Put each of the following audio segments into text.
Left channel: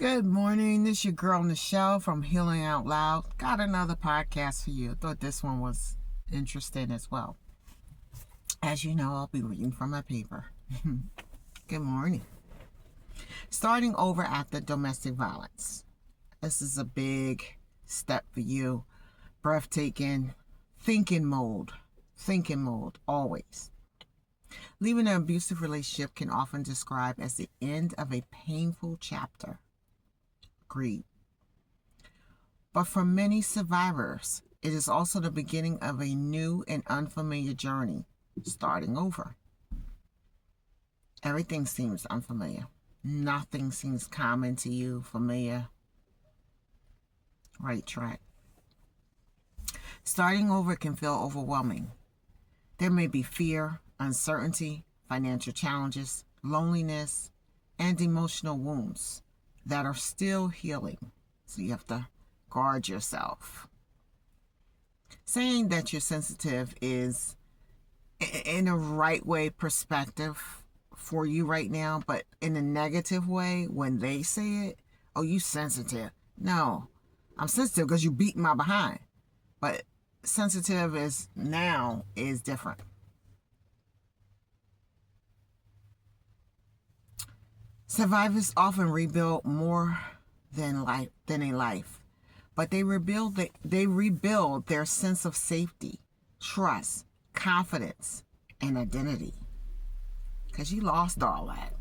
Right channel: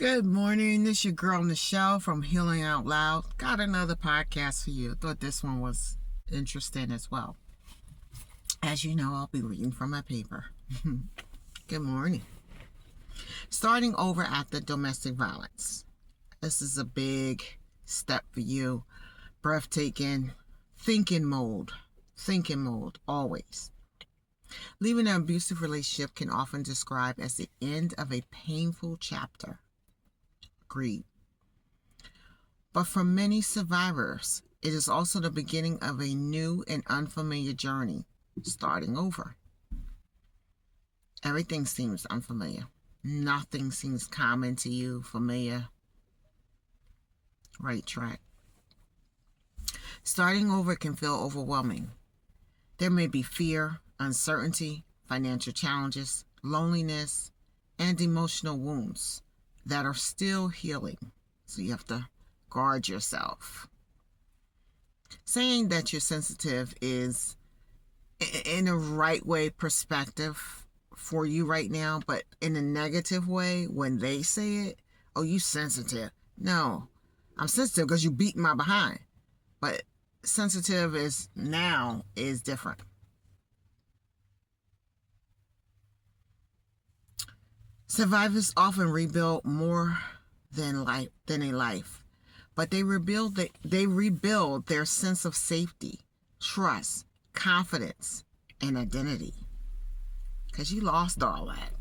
Good morning. This is your girl Nichelle from Healing Out Loud. Got another podcast for you. Thought this one was interesting as well. As you know, I'll be reading from my paper. Good morning. Starting over after domestic violence. This is a big step for you. Breathtaking. Thinking mode, always. Leaving an abusive relationship can often describe as the end of a painful chapter. Agreed. But for many survivors, it is also the beginning of a new and unfamiliar journey, starting over. Everything seems unfamiliar. Nothing seems common to you, familiar. Right track. Starting over can feel overwhelming. There may be fear, uncertainty, financial challenges, loneliness, and emotional wounds that are still healing. So you have to guard yourself. Saying that you're sensitive is in a right way perspective for you right now, but in a negative way when they say it, oh, you sensitive. No, I'm sensitive because you beat my behind. But sensitive is different. Survivors often rebuild more than a life, but they rebuild their sense of safety, trust, confidence, and identity. Because you lost all that.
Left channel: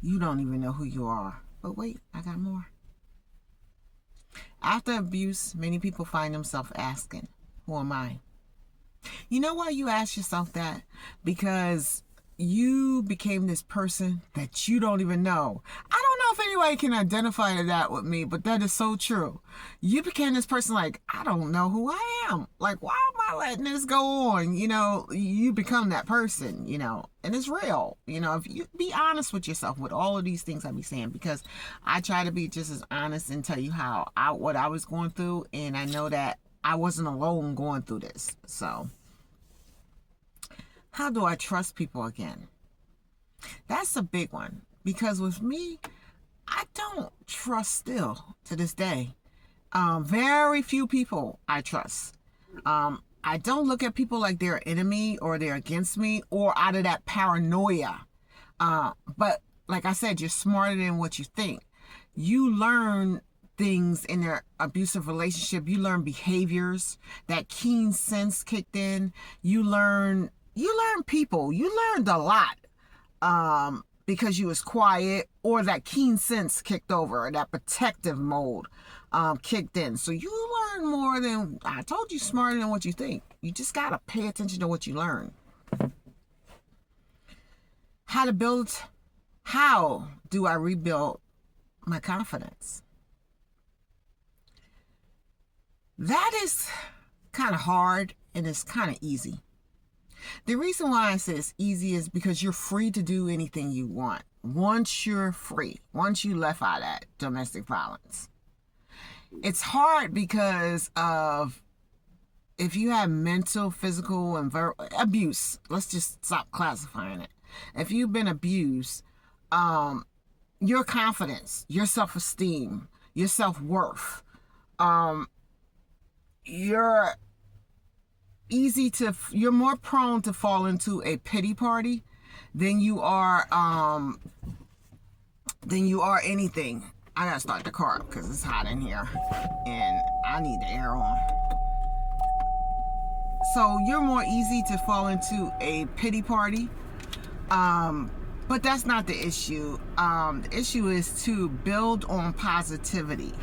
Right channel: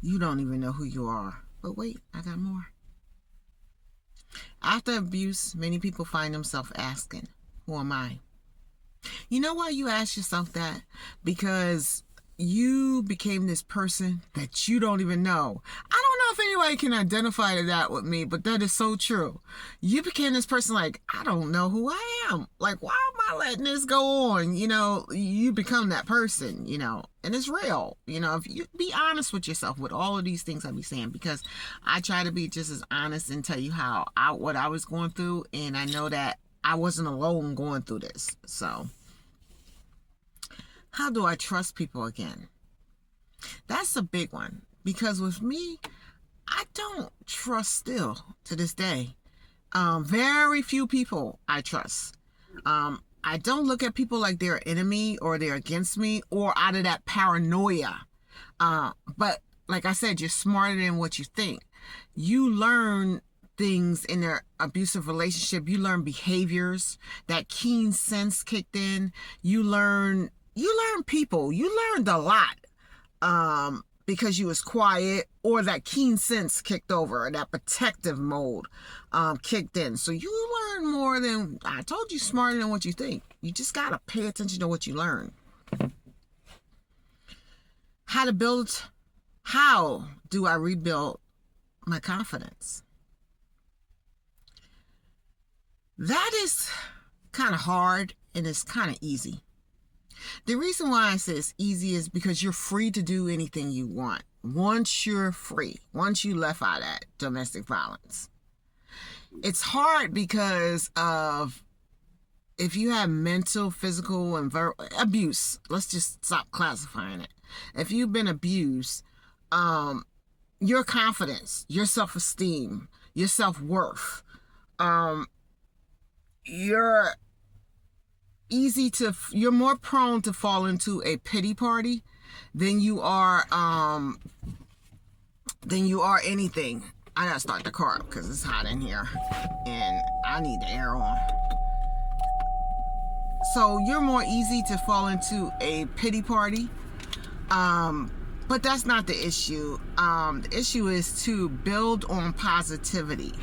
You don't even know who you are. But wait, I got more. After abuse, many people find themselves asking, who am I? You know why you ask yourself that? Because you became this person that you don't even know. I don't know if anybody can identify to that with me, but that is so true. You became this person like, I don't know who I am. Like, why am I letting this go on? You become that person, and it's real. If you be honest with yourself with all of these things I be saying, because I try to be just as honest and tell you what I was going through, and I know that I wasn't alone going through this. So how do I trust people again? That's a big one, because with me, I don't trust still to this day. Very few people I trust. I don't look at people like they're an enemy or they're against me or out of that paranoia. But like I said, you're smarter than what you think. You learn things in their abusive relationship. You learn behaviors. That keen sense kicked in. You learn people. You learned a lot because you was quiet, or that keen sense kicked over, that protective mode kicked in. So you learn more than, I told you, smarter than what you think. You just got to pay attention to what you learn. How do I rebuild my confidence? That is kind of hard, and it's kind of easy. The reason why I say it's easy is because you're free to do anything you want. Once you're free, once you left out that domestic violence. It's hard because of if you have mental, physical, and verbal abuse. Let's just stop classifying it. If you've been abused, your confidence, your self-esteem, your self-worth, you're more prone to fall into a pity party than you are anything. I gotta start the car because it's hot in here and I need the air on. So you're more easy to fall into a pity party, but that's not the issue. The issue is to build on positivity,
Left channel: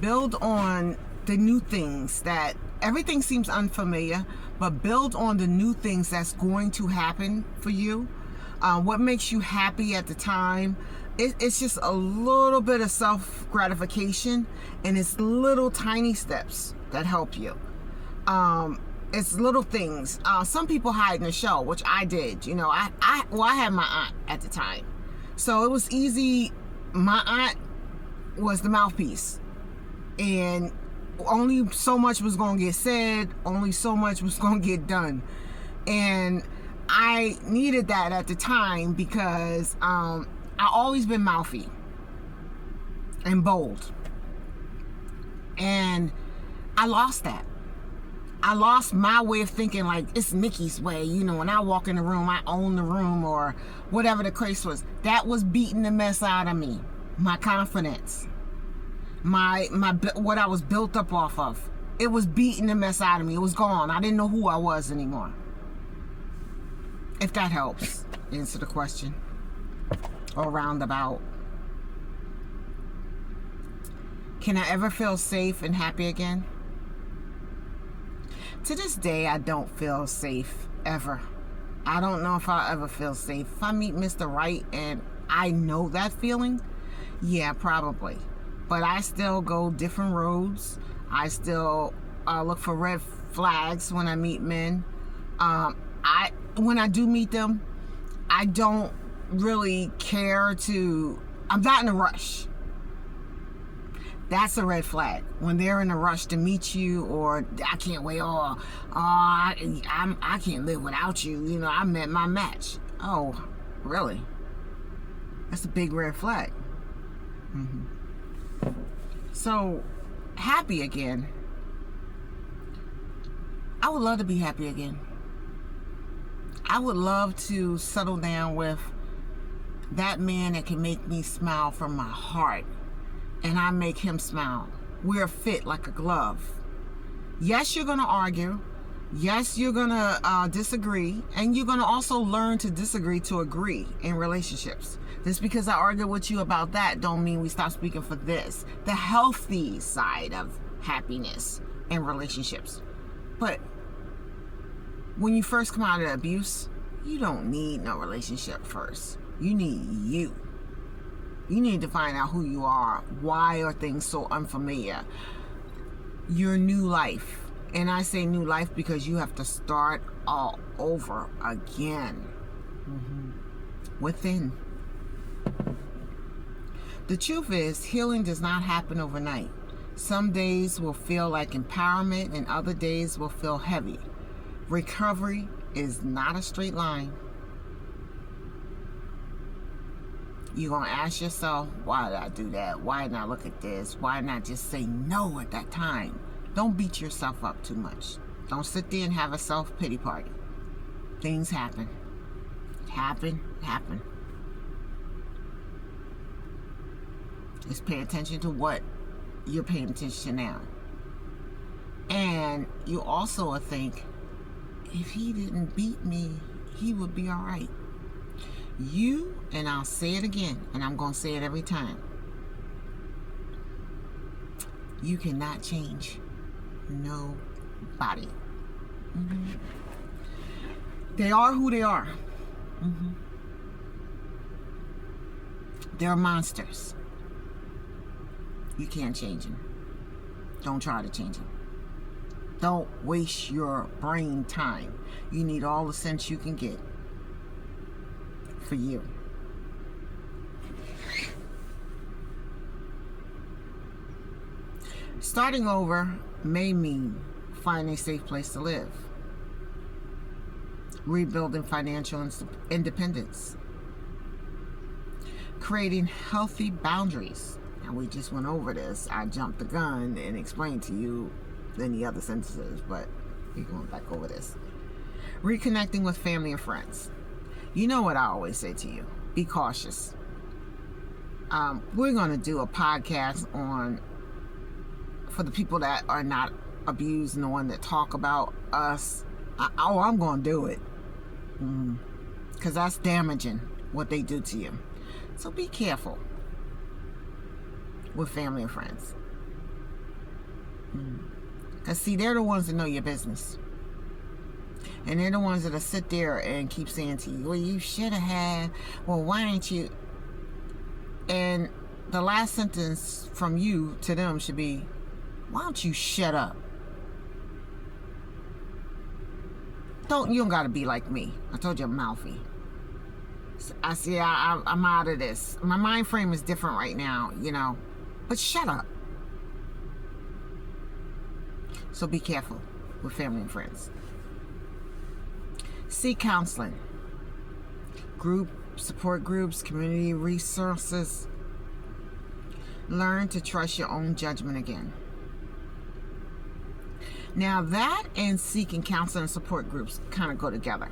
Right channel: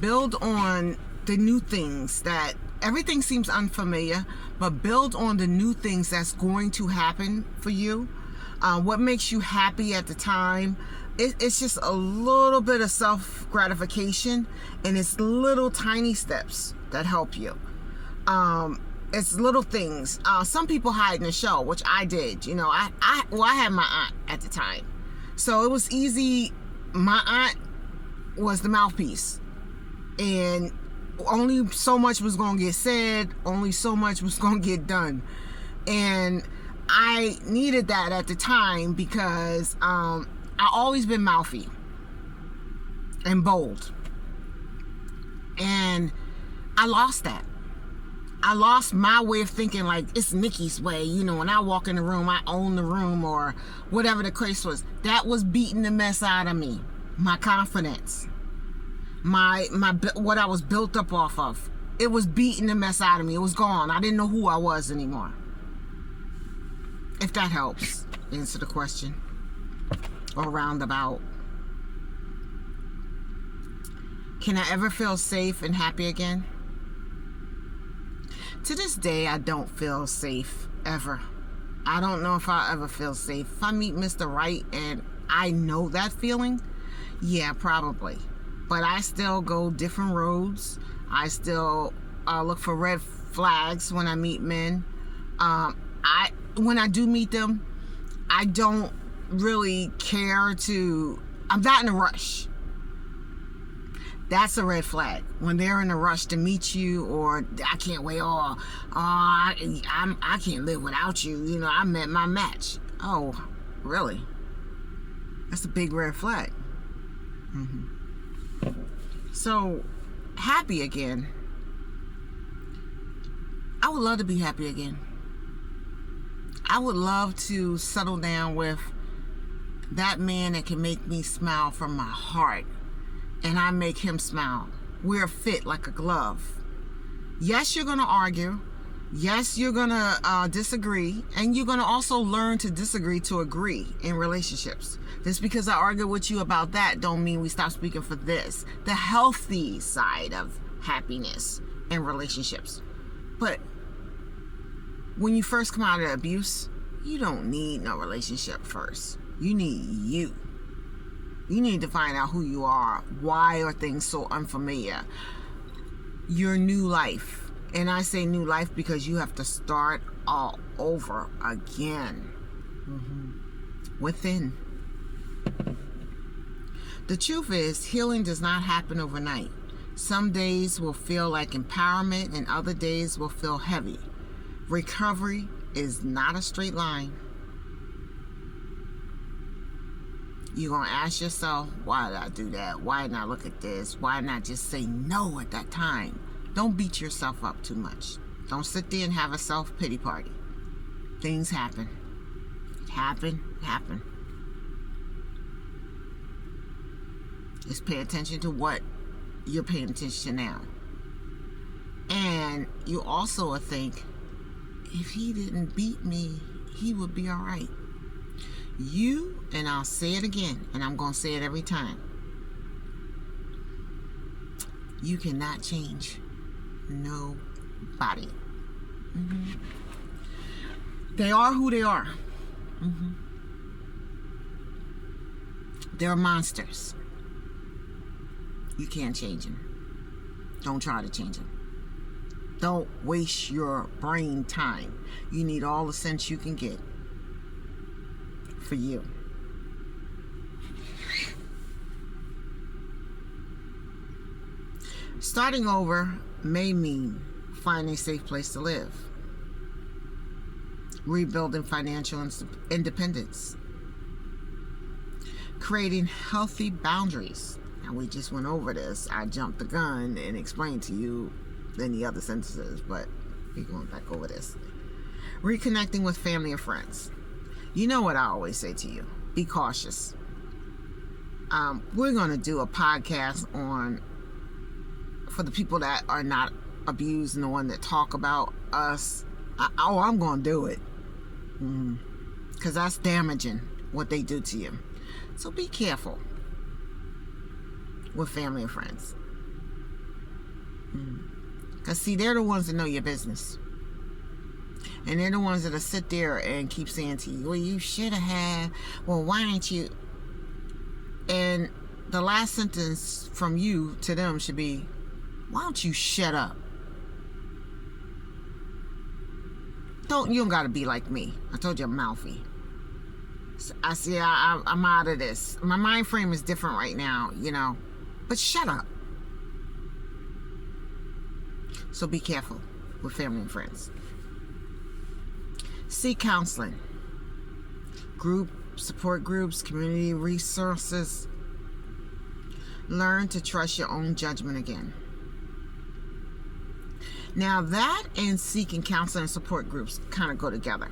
build on the new things. That everything seems unfamiliar, but build on the new things that's going to happen for you. What makes you happy at the time. It's just a little bit of self-gratification, and it's little tiny steps that help you. It's little things. Some people hide in the show, which I did. I had my aunt at the time, so it was easy. My aunt was the mouthpiece, and only so much was going to get said, only so much was going to get done. And I needed that at the time because I always been mouthy. and bold. And I lost that. I lost my way of thinking like it's Nikki's way. You know, when I walk in the room, I own the room or whatever the case was. That was beating the mess out of me. My confidence. My what I was built up off of. It was beating the mess out of me. It was gone. I didn't know who I was anymore. If that helps answer the question. Or roundabout. Can I ever feel safe and happy again? To this day, I don't feel safe ever. I don't know if I'll ever feel safe. If I meet Mr. Right and I know that feeling, yeah, probably. But I still go different roads. I still look for red flags when I meet men. When I do meet them, I don't really care to. I'm not in a rush. That's a red flag. When they're in a rush to meet you, or I can't wait, I can't live without you. You know, I met my match. Oh, really? That's a big red flag. So, happy again. I would love to be happy again. I would love to settle down with that man that can make me smile from my heart. And I make him smile. We're fit like a glove. Yes, you're going to argue. Yes, you're going to disagree. And you're going to also learn to disagree to agree in relationships. Just because I argue with you about that don't mean we stop speaking for this. The healthy side of happiness in relationships. But when you first come out of abuse, you don't need no relationship first. You need you. You need to find out who you are. Why are things so unfamiliar? Your new life. And I say new life because you have to start all over again. Within. The truth is, healing does not happen overnight. Some days will feel like empowerment and other days will feel heavy. Recovery is not a straight line. You're going to ask yourself, why did I do that? Why not look at this? Why not just say no at that time? Don't beat yourself up too much. Don't sit there and have a self-pity party. Things happen. Happen. Just pay attention to what you're paying attention to now. And you also will think, if he didn't beat me, he would be all right. You, and I'll say it again, and I'm going to say it every time. You cannot change nobody. They are who they are. They're monsters. You can't change them. Don't try to change them. Don't waste your brain time. You need all the sense you can get for you. Starting over may mean finding a safe place to live, rebuilding financial independence, creating healthy boundaries. Now, we just went over this. I jumped the gun and explained to you any other sentences, but we're going back over this. Reconnecting with family and friends. You know what I always say to you, be cautious. We're going to do a podcast on, for the people that are not abused and the one that talk about us. I'm going to do it. Because that's damaging, what they do to you. So be careful with family and friends. Because see, they're the ones that know your business. And they're the ones that'll sit there and keep saying to you, well, you should have had, well, why ain't you? And the last sentence from you to them should be, why don't you shut up? You don't gotta be like me. I told you I'm mouthy. I see, I'm out of this. My mind frame is different right now, you know. But shut up. So be careful with family and friends. Seek counseling, support groups, community resources. Learn to trust your own judgment again. Now that and seeking counseling and support groups kind of go together.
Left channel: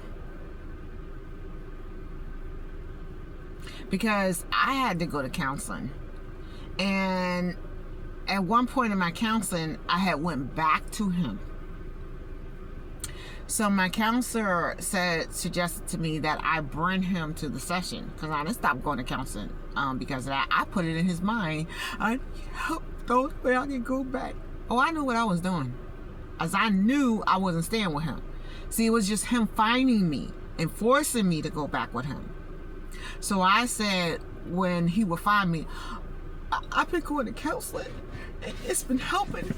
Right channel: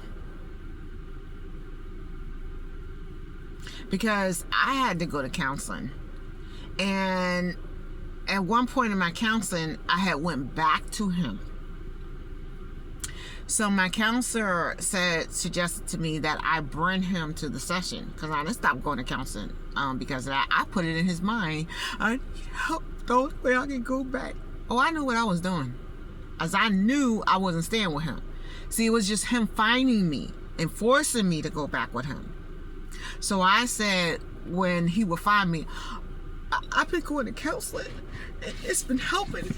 Because I had to go to counseling. And at one point in my counseling, I had went back to him. So my counselor suggested to me that I bring him to the session, because I didn't stop going to counseling because of that. I put it in his mind, I need help, the only way I can go back. Oh, I knew what I was doing, as I knew I wasn't staying with him. See, it was just him finding me and forcing me to go back with him. So I said, when he would find me, I've been going to counseling. It's been helping.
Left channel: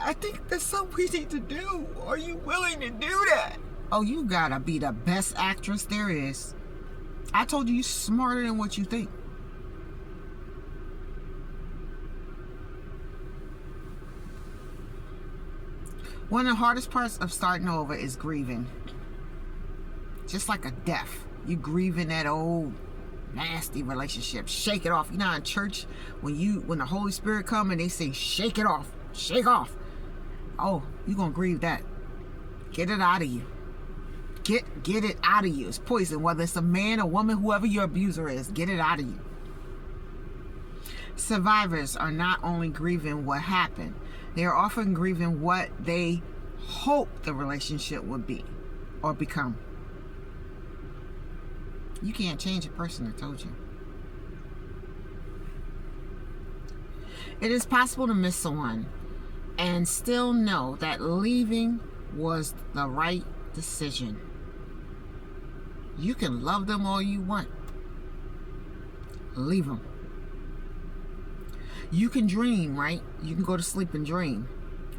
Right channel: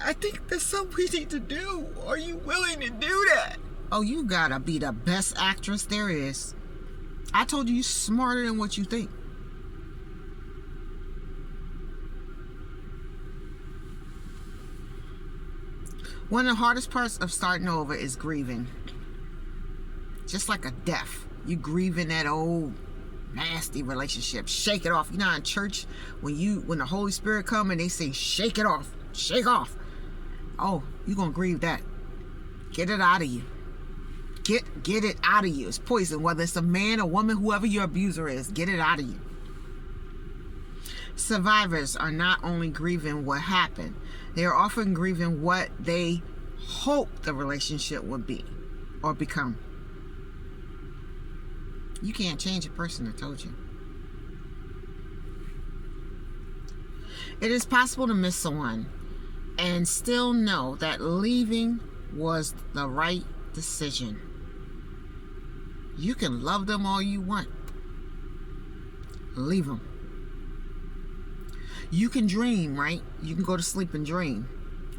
I think there's something we need to do. Are you willing to do that? Oh, you gotta be the best actress there is. I told you, you're smarter than what you think. One of the hardest parts of starting over is grieving. Just like a death. You grieving that old nasty relationship. Shake it off. You know, in church, when the Holy Spirit come and they say, shake it off, shake off. Oh, you're gonna grieve that. Get it out of you. Get it out of you. It's poison. Whether it's a man or woman, whoever your abuser is, get it out of you. Survivors are not only grieving what happened, they are often grieving what they hope the relationship would be or become. You can't change a person that told you. It is possible to miss someone and still know that leaving was the right decision. You can love them all you want. Leave them. You can dream, right? You can go to sleep and dream.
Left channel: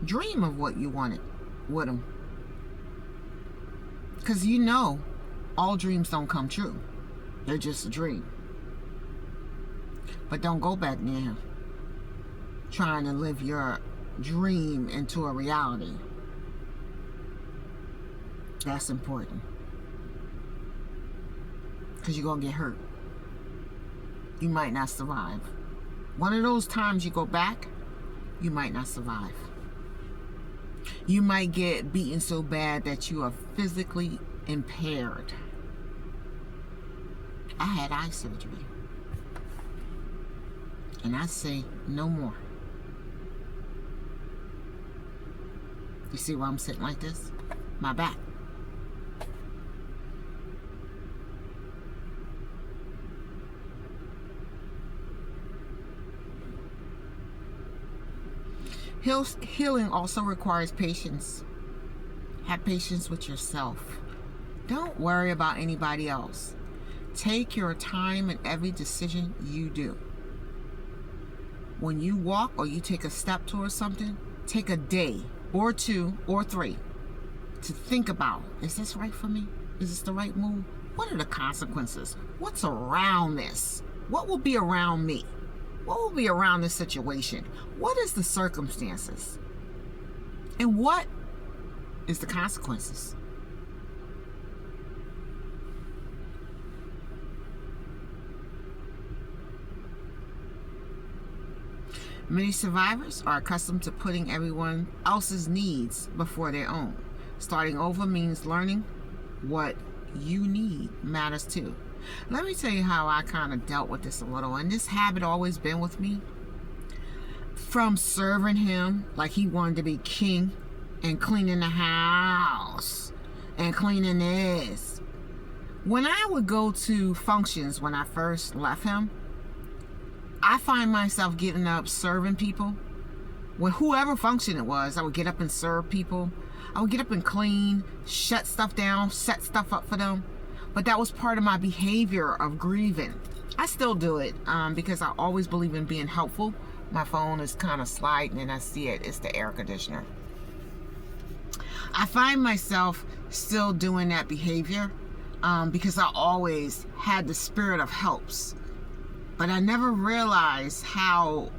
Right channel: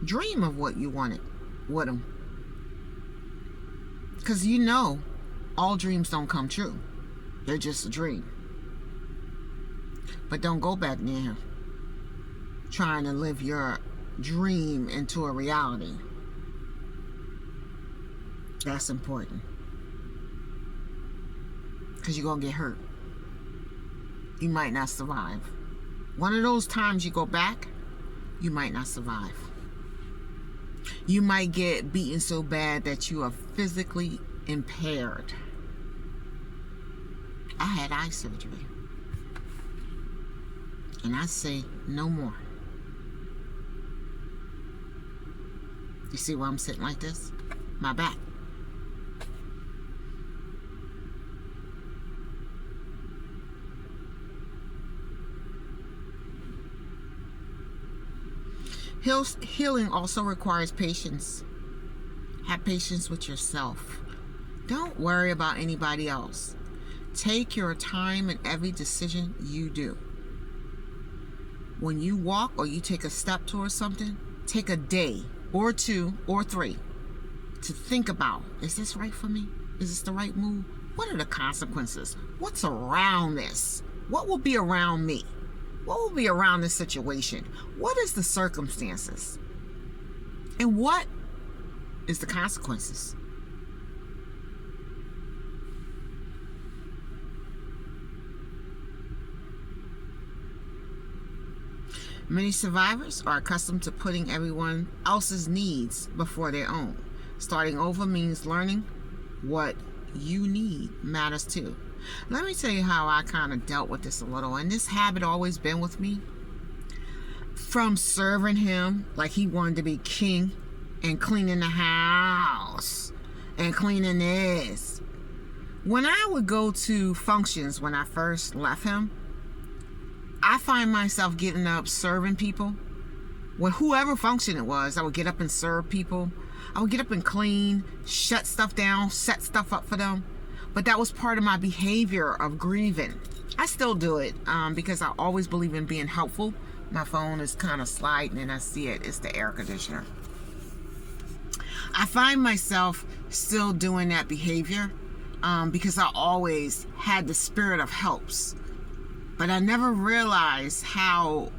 Dream of what you wanted with them. Because you know, all dreams don't come true. They're just a dream. But don't go back near him, trying to live your dream into a reality. That's important. Because you're going to get hurt. You might not survive. One of those times you go back, you might not survive. You might get beaten so bad that you are physically impaired. I had eye surgery. And I say no more. You see why I'm sitting like this? My back. Healing also requires patience. Have patience with yourself. Don't worry about anybody else. Take your time in every decision you do. When you walk or you take a step towards something, take a day or 2 or 3 to think about, is this right for me? Is this the right move? What are the consequences? What's around this? What will be around me? What will be around this situation? What is the circumstances? And what is the consequences? Many survivors are accustomed to putting everyone else's needs before their own. Starting over means learning what you need matters too. Let me tell you how I kind of dealt with this a little, and this habit always been with me. From serving him like he wanted to be king and cleaning the house and cleaning this. When I would go to functions when I first left him, I find myself getting up serving people. When whoever function it was, I would get up and serve people. I would get up and clean, shut stuff down, set stuff up for them. But that was part of my behavior of grieving. I still do it because I always believe in being helpful. My phone is kind of sliding and I see it. It's the air conditioner. I find myself still doing that behavior because I always had the spirit of helps. But I never realized how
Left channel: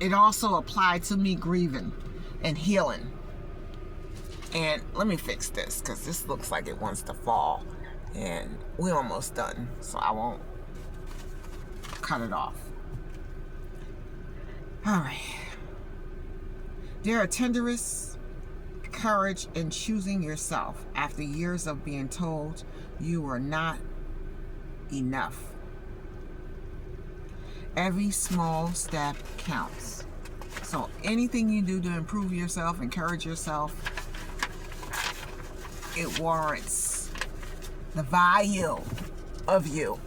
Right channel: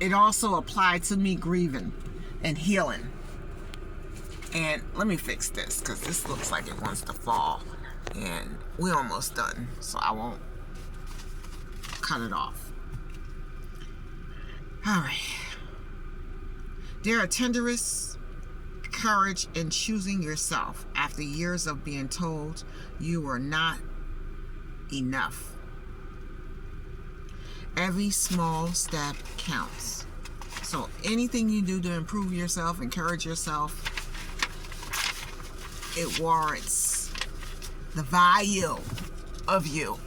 it also applied to me grieving and healing. And let me fix this because this looks like it wants to fall. And we're almost done, so I won't cut it off. All right. There are tenderest courage in choosing yourself after years of being told you were not enough. Every small step counts. So anything you do to improve yourself, encourage yourself, it warrants the value of you.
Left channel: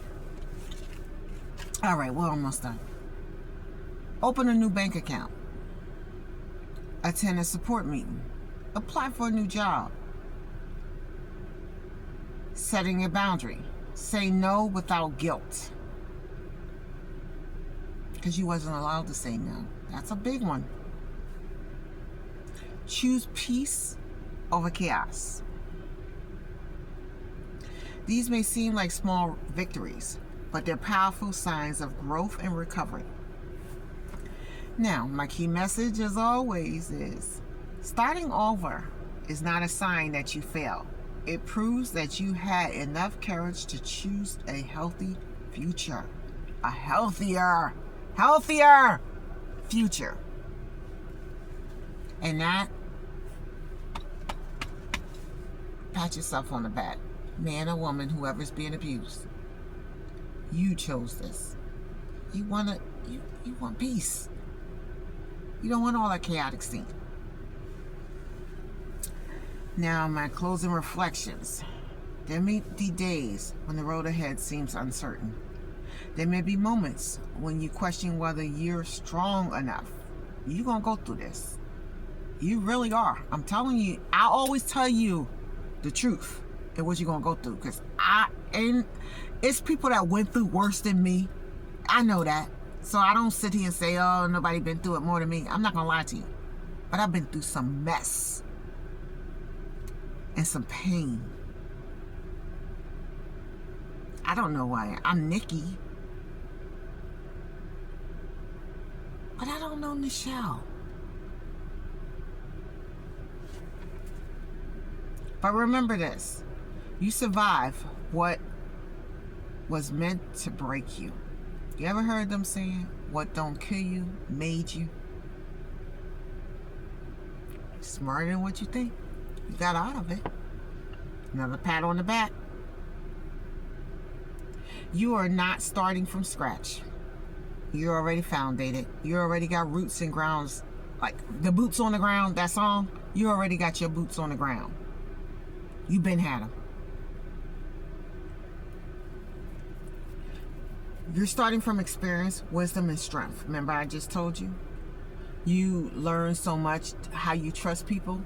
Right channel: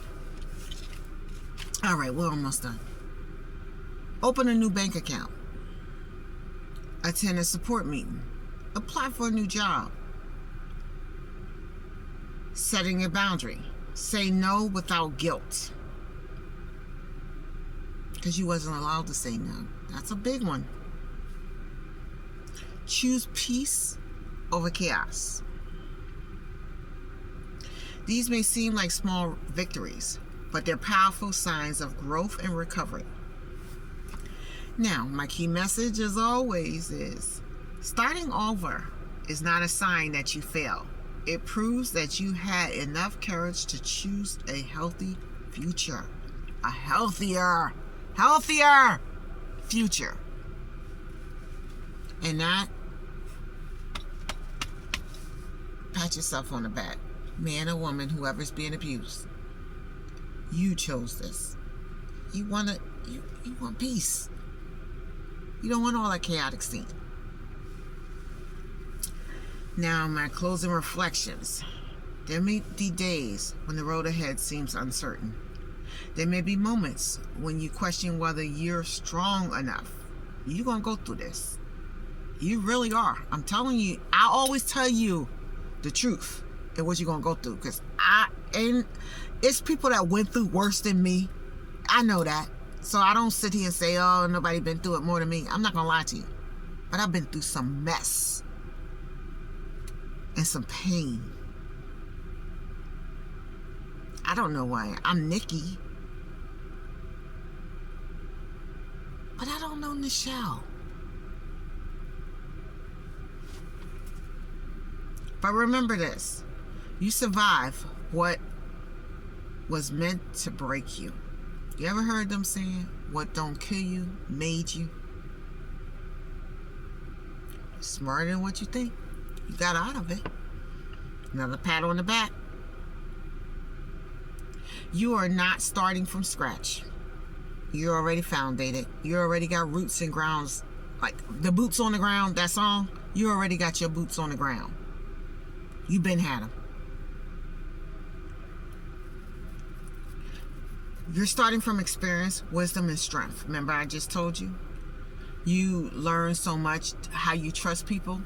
All right, we're almost done. Open a new bank account. Attend a support meeting. Apply for a new job. Setting a boundary. Say no without guilt. Because you wasn't allowed to say no. That's a big one. Choose peace over chaos. These may seem like small victories, but they're powerful signs of growth and recovery. Now, my key message, as always, is starting over is not a sign that you failed. It proves that you had enough courage to choose a healthy future. A healthier future. And that, pat yourself on the back. Man or woman, whoever's being abused. You chose this. You want peace. You don't want all that chaotic scene. Now, my closing reflections. There may be days when the road ahead seems uncertain. There may be moments when you question whether you're strong enough. You're going to go through this. You really are. I'm telling you, I always tell you the truth and what you're going to go through. Because it's people that went through worse than me. I know that. So I don't sit here and say, oh, nobody been through it more than me. I'm not going to lie to you. But I've been through some mess. And some pain. I don't know why. I'm Nikki. But I don't know Nichelle. But remember this. You survive what was meant to break you. You ever heard them saying, what don't kill you, made you? Smarter than what you think. You got out of it. Another pat on the back. You are not starting from scratch. You're already foundated. You already got roots and grounds. Like the boots on the ground, that song. You already got your boots on the ground. You've been had them. You're starting from experience, wisdom, and strength. Remember I just told you? You learn so much how you trust people.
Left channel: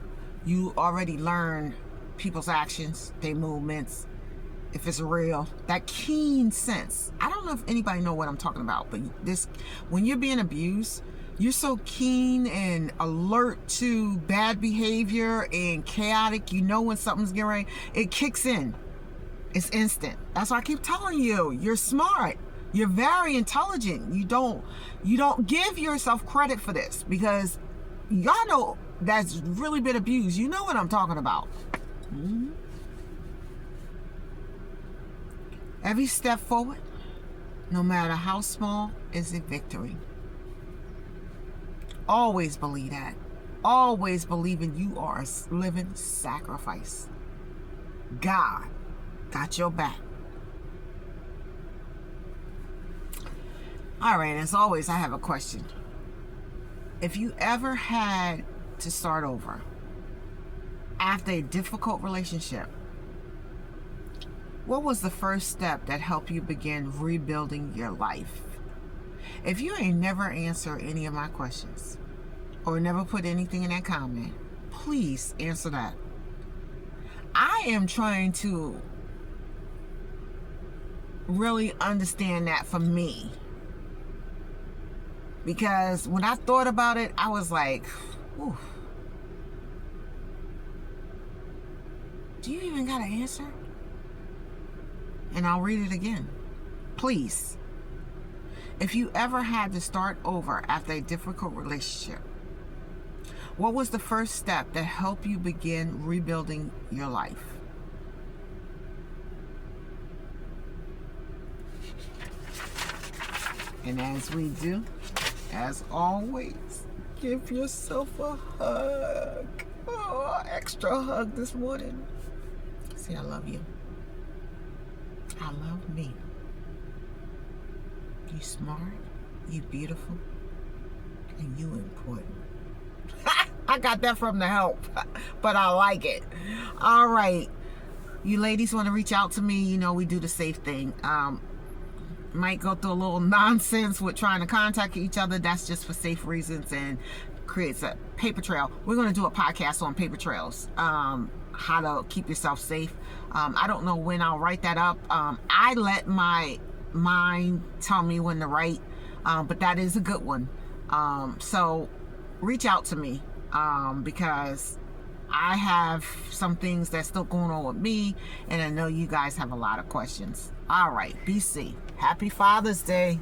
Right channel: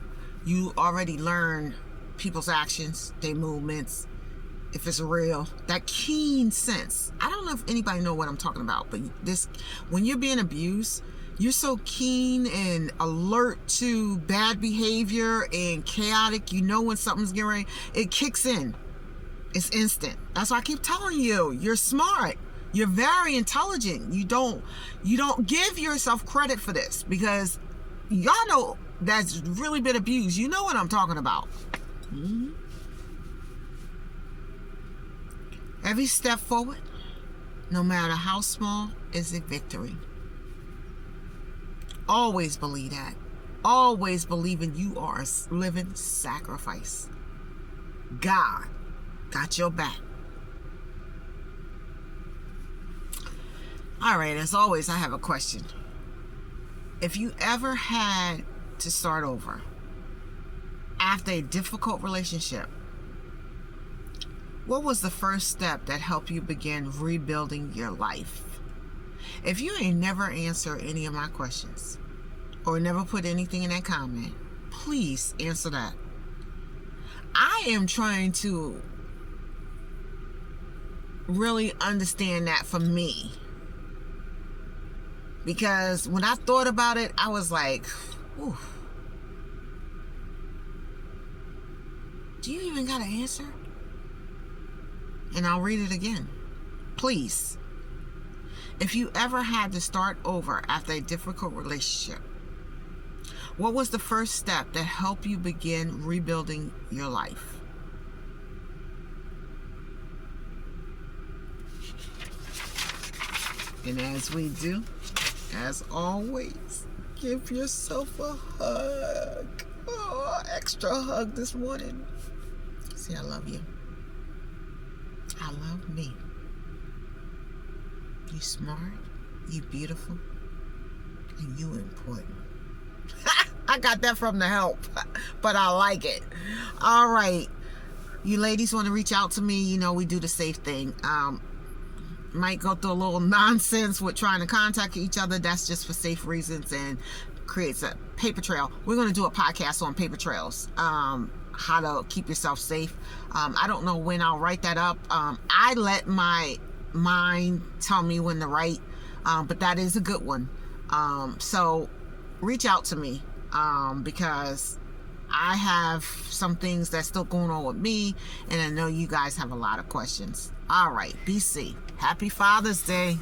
You already learn people's actions, their movements, if it's real. That keen sense. I don't know if anybody know what I'm talking about, but this, when you're being abused, you're so keen and alert to bad behavior and chaotic. You know when something's getting ready. It kicks in. It's instant. That's why I keep telling you, you're smart. You're very intelligent. You don't give yourself credit for this because y'all know that's really been abused. You know what I'm talking about. Mm-hmm. Every step forward, no matter how small, is a victory. Always believe that. Always believing you are a living sacrifice. God got your back. All right, as always, I have a question. If you ever had to start over after a difficult relationship, what was the first step that helped you begin rebuilding your life? If you ain't never answered any of my questions or never put anything in that comment, please answer that. I am trying to really understand that for me. Because when I thought about it, I was like, ooh. Do you even got an answer? And I'll read it again. Please. If you ever had to start over after a difficult relationship, what was the first step that helped you begin rebuilding your life? And as we do, as always, give yourself a hug. Oh, extra hug this morning. Say I love you. I love me. You smart, you beautiful, and you important. I got that from the help, but I like it. All right. You ladies want to reach out to me, you know we do the safe thing. Might go through a little nonsense with trying to contact each other. That's just for safe reasons and creates a paper trail. We're going to do a podcast on paper trails, how to keep yourself safe. I don't know when I'll write that up. I let my mind tell me when to write, but that is a good one. So reach out to me, because I have some things that's still going on with me, and I know you guys have a lot of questions. All right, be safe. Happy Father's Day.